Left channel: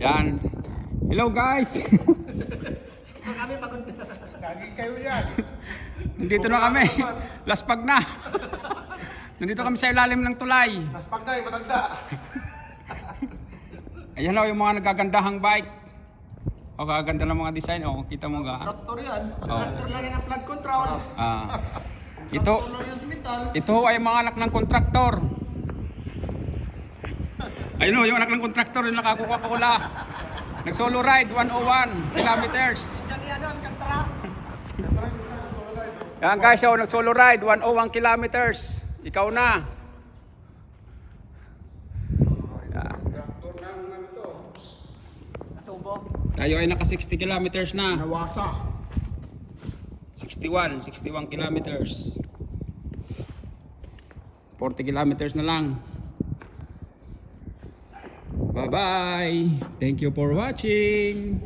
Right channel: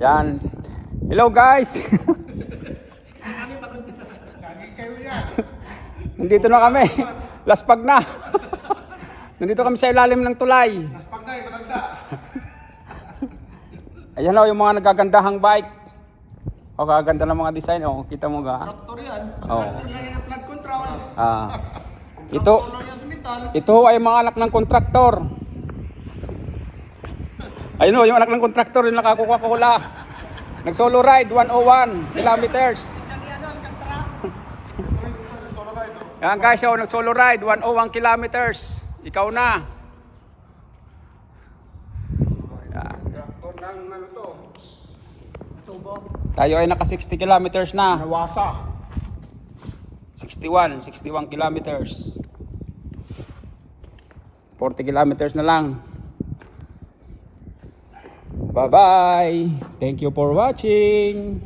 Yan. Hello guys. Kami pagod na. Saging kayo yan. Nandito na kami. Laspag na. Nandito kami sa ilalim ng tulay. Naspag na, matanda. Ayan o, yung mga nagagandahang bike. O, kaganda ng mga design. O, kita mo ga. Traktor yan. Oh. Traktor lang yan ang flood control. Ito, Traktor lang yan sa metal. ito ay mga anak ng kontraktor. Ayun o, yung anak ng kontraktor, yung nakakuha-kula. Nag-solo ride, 101 kilometers. Siya ni ano, Alcantara. Yan guys, oh, nag-solo ride, 101 kilometers. Ikaw na. Yan. Traktor ng ano to? Natubo. Tayo ay naka 60 kilometers na. Nawasa. 61 kilometers. 40 kilometers na lang. Bye-bye. Thank you for watching.